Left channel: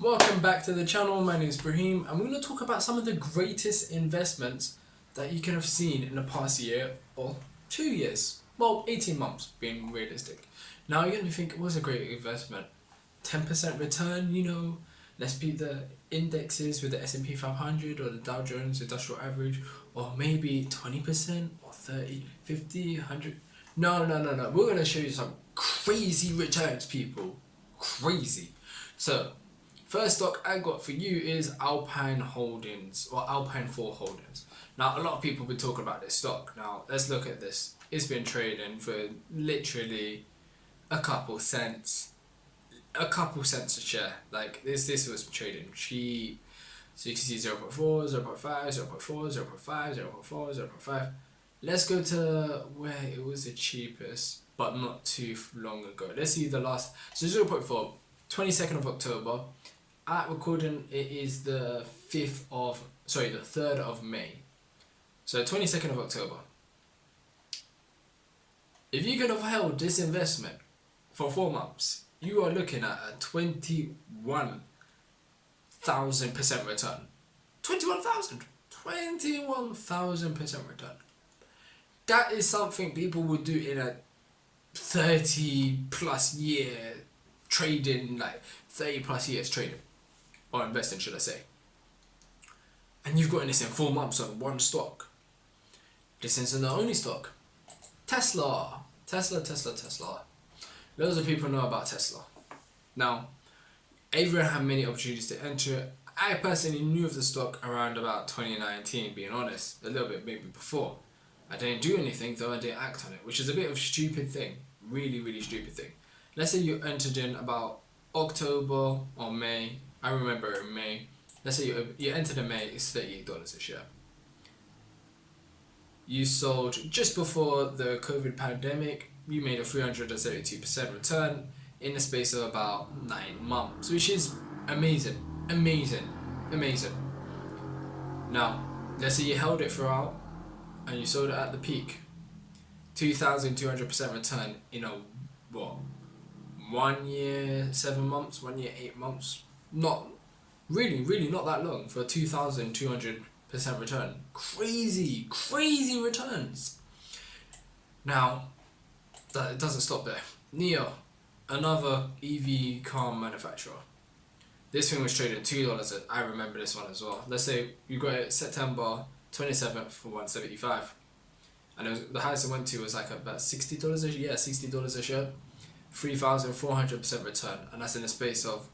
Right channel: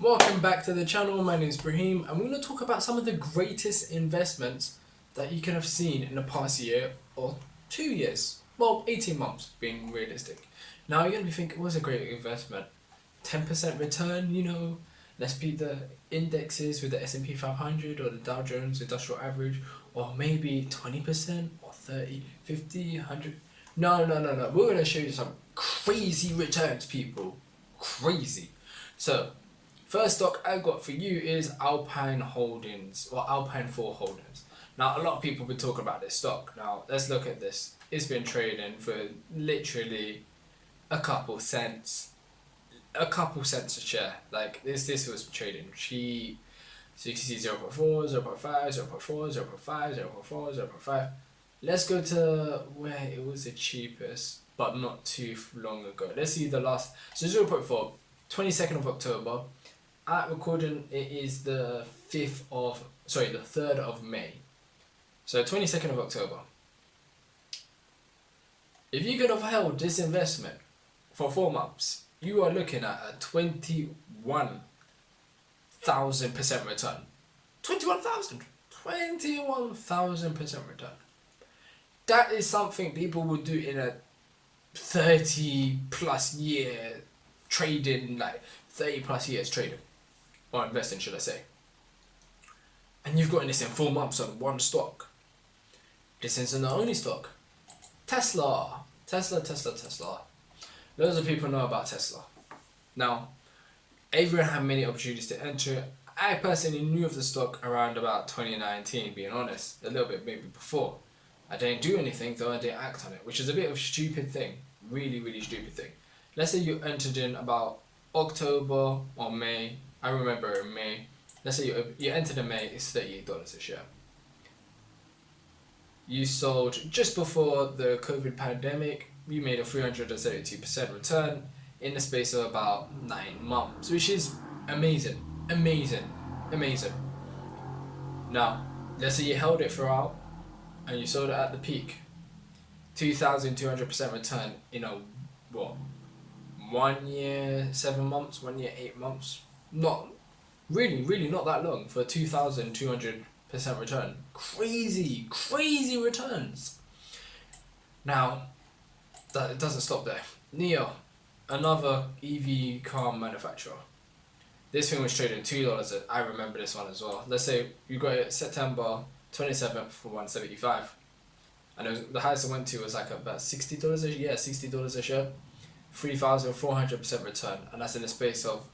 Welcome back to the channel. My name is Brahim and we're going to talk about some of the greatest investments that you can have seen in the past year or 2 years. Well, 18 months being realistic. Now you're going to be thinking, what's a great investment? 10% return, let's beat the indexes with the S&P 500 or the Dow Jones Industrial Average, or maybe 20% or 30, 50, 100. No. We're going to show you some crazy returns, people. Crazy. So, first stock I got for you is Alpine Holdings or Alpine 4 Holdings. Now, a lot of people have been talking about this stock. Now, let's look at this. It's been trading for literally a couple cents a share. Like this was trading cheap. So you can see 0.4, 0.5, 0.4, 0.5, 0.4, 0.5. Let's go to where it was the cheapest, but not too long ago. Let's see the last. So 0.4, 22nd of October. At recording, it is the 3rd of May. So 22nd of October. If you could have held this investment for 4 months, you are looking at a 21,000% return. 21,000% return. That is something people would do in a 30 plus year trading, like 30 plus years trading, or investing, should I say. And you've gotten this in 4 months on one stock. This isn't the only stock. Tesla. Loads of people know about Tesla. Now, everyone had many opportunities to enter. I personally knew of the stock around about 2019, being honest. A little bit maybe before. I didn't do anything, though I didn't act on it, which is a bit of a stupid thing. Really, really stupid thing. Let's say you entered in about October or May. I remember in May. Let's say you entered in May, it's $38 a share. You sold just before the COVID pandemic. You made a 372% return in the space of about 9 months, which is amazing. Now, let's say you held it throughout and you sold it at the peak. 2,200% return in 1 year, 7 months, 1 year, 8 months. Not really not that long for 2,200% return. Crazy returns. Now, it doesn't stop there. NIO, another EV car manufacturer. This thing was trading $2. I remember this one as well. Let's say you got it September 27th for $175, and the highest it went to was like about $60 a share. $60 a share, 3,400% return, and that's in the space of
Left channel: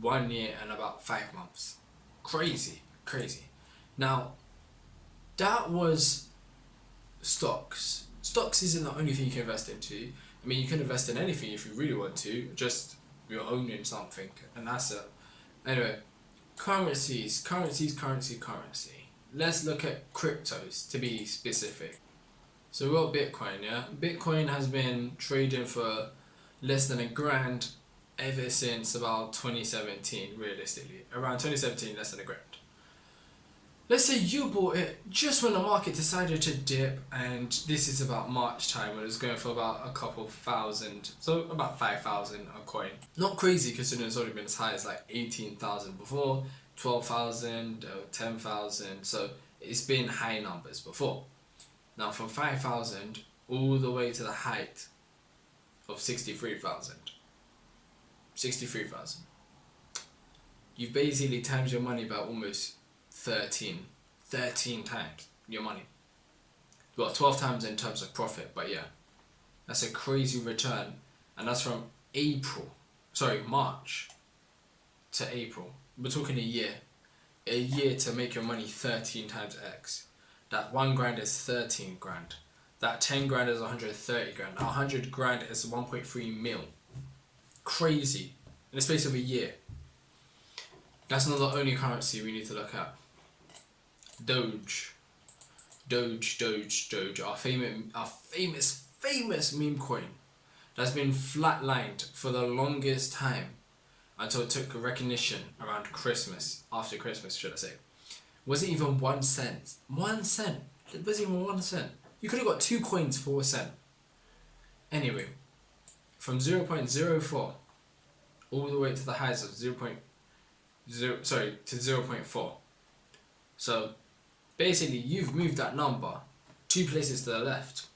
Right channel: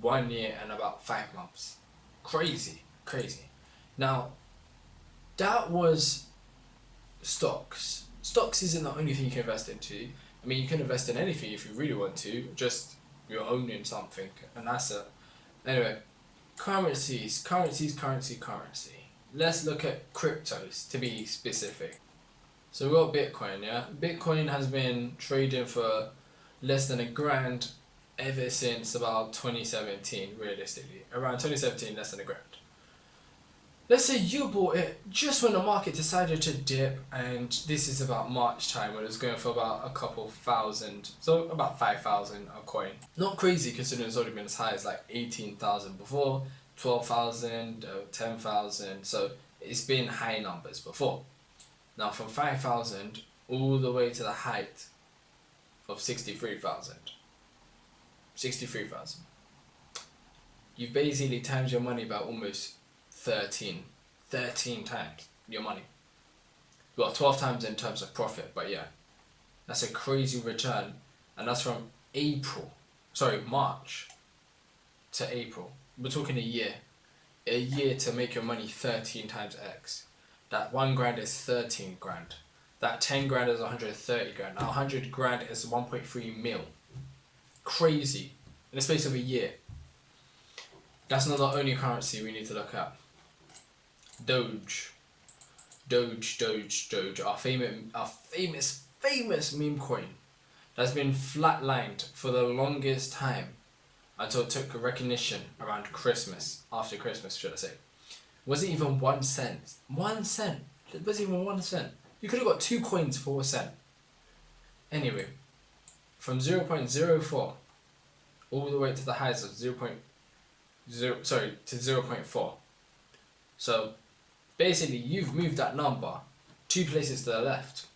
1 year and about 5 months. Crazy. Now, that was stocks. Stocks isn't the only thing you can invest into. I mean, you can invest in anything if you really want to, just you're owning something, an asset. Anyway, currency. Let's look at cryptos to be specific. So we got Bitcoin, yeah? Bitcoin has been trading for less than $1,000 ever since about 2017, realistically. Around 2017, less than $1,000. Let's say you bought it just when the market decided to dip, and this is about March time when it was going for about a couple thousand, so about 5,000 a coin. Not crazy considering it's already been as high as like 18,000 before, 12,000, 10,000, so it's been high numbers before. Now from 5,000 all the way to the height of 63,000. You've basically times your money by almost 13 times your money. Well, 12 times in terms of profit, but yeah, that's a crazy return, and that's from March to April. We're talking a year to make your money 13 times X. That $1,000 is 13 grand. That 10 grand is 130 grand. Now 100 grand is 1.3 mil. Crazy in the space of a year. That's not the only currency we need to look at. Doge, our famous meme coin that's been flatlined for the longest time until it took recognition around Christmas, after Christmas should I say. Wasn't even 1 cent. 1 cent. It wasn't even 1 cent. You could have got 2 coins for a cent. Anyway, from 0.04 all the way to the highs of to 0.4. So basically you've moved that number 2 places to the left.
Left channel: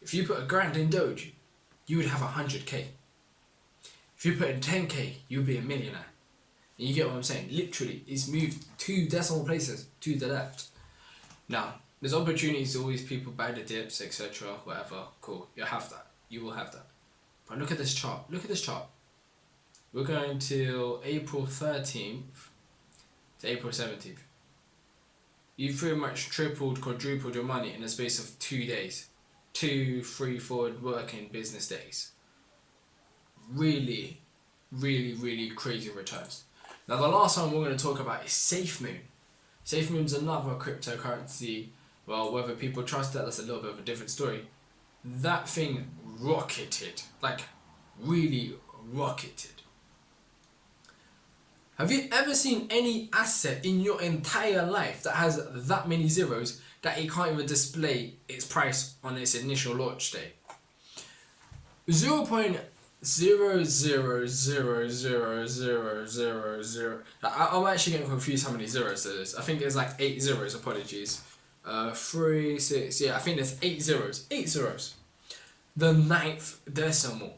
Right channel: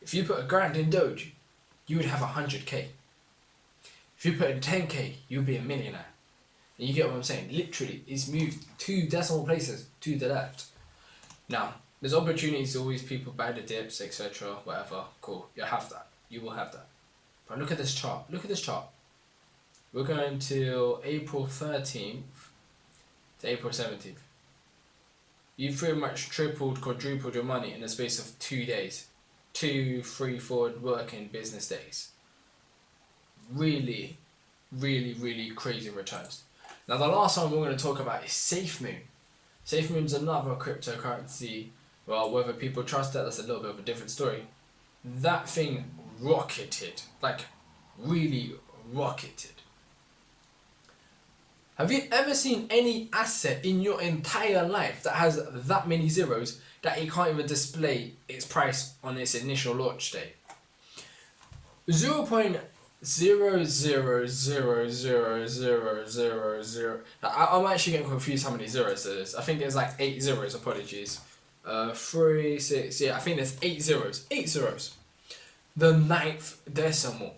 If you put $1,000 in Doge, you would have 100k. If you put in 10k, you'd be a millionaire. And you get what I'm saying? Literally, it's moved 2 decimal places to the left. Now, there's opportunities, always people buy the dips, etc. Whatever. Cool. You have that. You will have that. But look at this chart. Look at this chart. We're going till April 13th to April 17th. You've pretty much tripled, quadrupled your money in the space of 2 days. 2, 3, 4 working business days. Really, really, really crazy returns. Now the last one we're going to talk about is SafeMoon. SafeMoon's another cryptocurrency. Well, whether people trust that, that's a little bit of a different story. That thing rocketed. Like, really rocketed. Have you ever seen any asset in your entire life that has that many zeros that it can't even display its price on its initial launch date? 0.0000000. I'm actually getting confused how many zeros there is. I think there's like 8 zeros, apologies. 3, 6, yeah, I think there's 8 zeros. 8 zeros. The ninth decimal.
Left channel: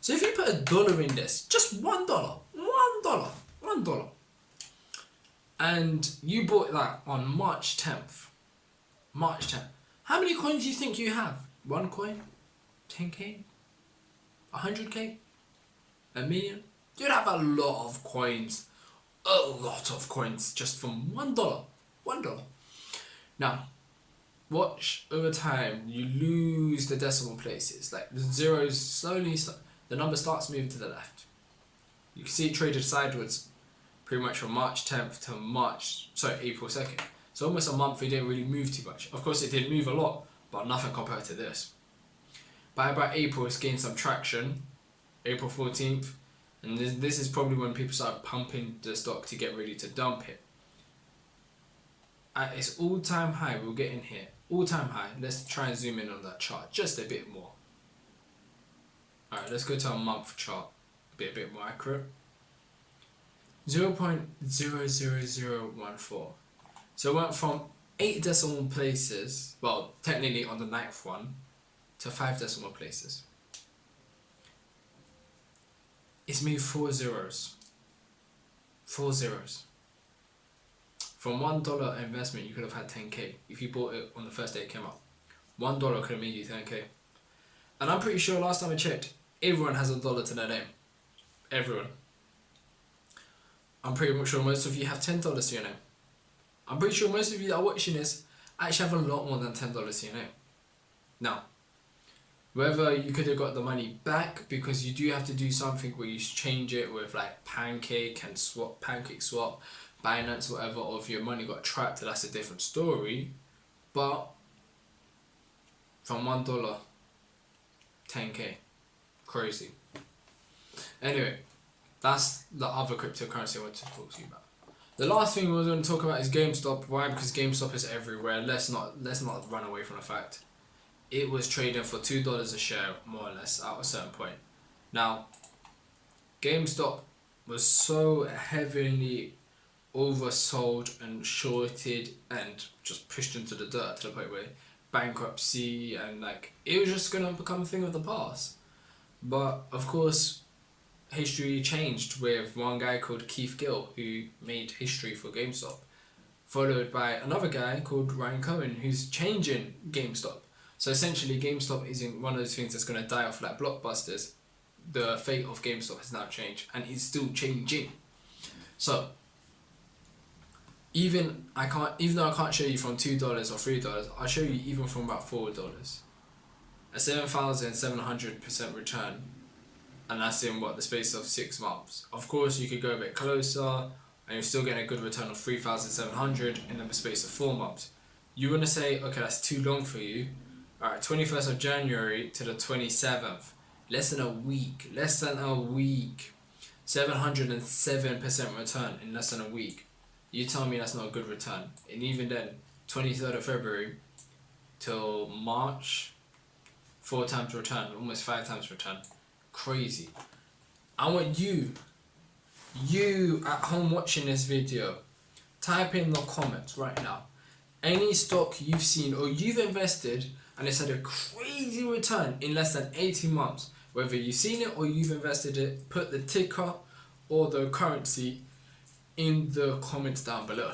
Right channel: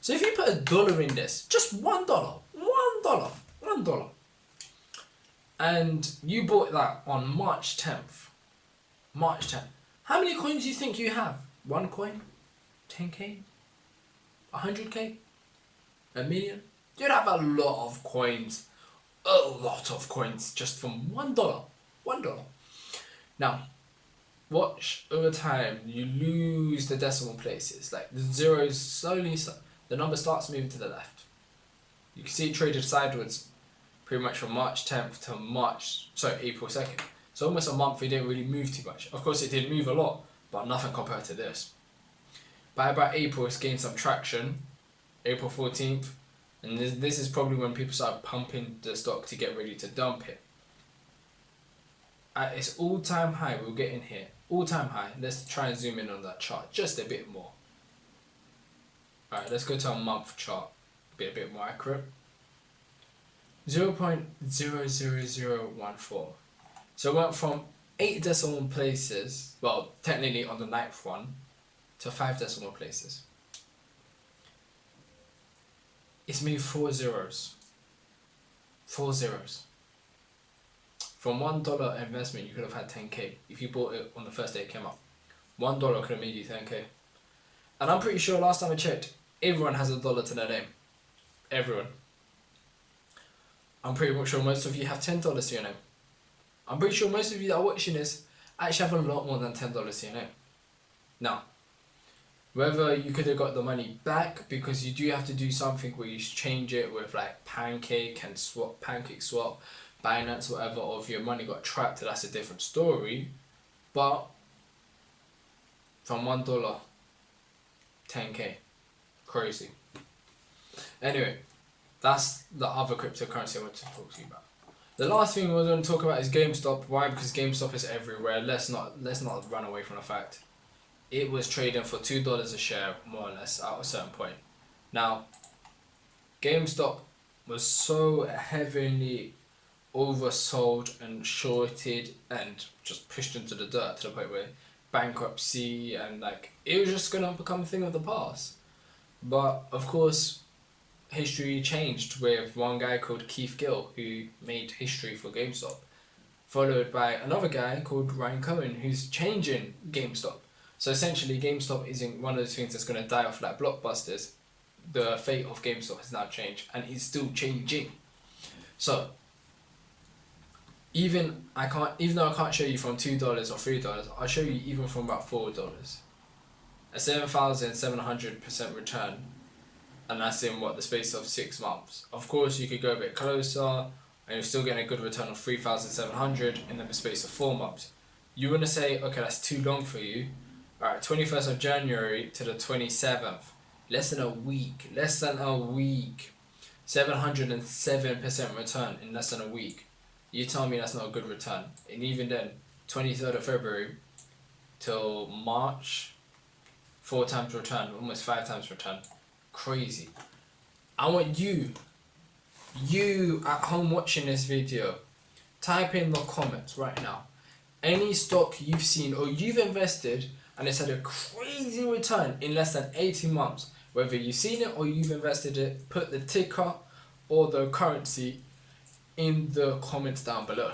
So if you put $1 in this, just $1, $1, and you bought that on March 10th, how many coins do you think you have? 1 coin? 10k? 100k? A million? You'd have a lot of coins. A lot of coins just from $1. $1. Now, watch over time, you lose the decimal places. Like the zeros slowly, the number starts moving to the left. You can see it traded sideways pretty much from March 10th to April 2nd. So almost a month it didn't really move too much. Of course it did move a lot, but nothing compared to this. By about April it's gained some traction, April 14th, and this is probably when people start pumping the stock to get ready to dump it. At its all-time high, we'll get in here, all-time high, let's try and zoom in on that chart just a bit more. Alright, let's go to a month chart, be a bit more accurate. 0.00014. So it went from 8 decimal places, well, technically on the 9th one, to 5 decimal places. It's moved 4 zeros. 4 zeros. From $1 investment, you could have had 10k if you bought it on the first day it came up. $1 could have made you 10k. And I'm pretty sure last time I checked, everyone has $1 to their name. Everyone. I'm pretty much sure most of you have $10 to your name. I'm pretty sure most of you that are watching this actually have a lot more than $10 to your name. Now, whether you could have got the money back because you do have to do something where you change it with like Pancake Swap, Binance, whatever, or if your money got trapped, that's a different story. But from $1, 10k, crazy. Anyway, that's the other cryptocurrency I want to talk to you about. The last thing we're going to talk about is GameStop. Why? Because GameStop is everywhere. Let's not run away from the fact. It was trading for $2 a share, more or less, at a certain point. Now, GameStop was so heavily oversold and shorted and just pushed into the dirt to the point where bankruptcy and like it was just gonna become a thing of the past. But of course, history changed with one guy called Keith Gill who made history for GameStop, followed by another guy called Ryan Cohen who's changing GameStop. So essentially, GameStop isn't one of those things that's gonna die off like blockbusters. The fate of GameStop has now changed and is still changing. So even though I can't show you from $2 or $3, I'll show you even from about $4. A 7,700% return, and that's in the space of 6 months. Of course, you could go a bit closer, and you're still getting a good return of 3,700 in the space of 4 months. You want to say, okay, that's too long for you. All right, 21st of January to the 27th, less than a week. 707% return in less than a week. You tell me that's not a good return. And even then, 23rd of February till March, 4 times return, almost 5 times return. Crazy. I want you you at home watching this video, type in the comments right now any stock you've seen or you've invested and it's had a crazy return in less than 18 months. Whether you've seen it or you've invested it, put the ticker or the currency in the comments down below.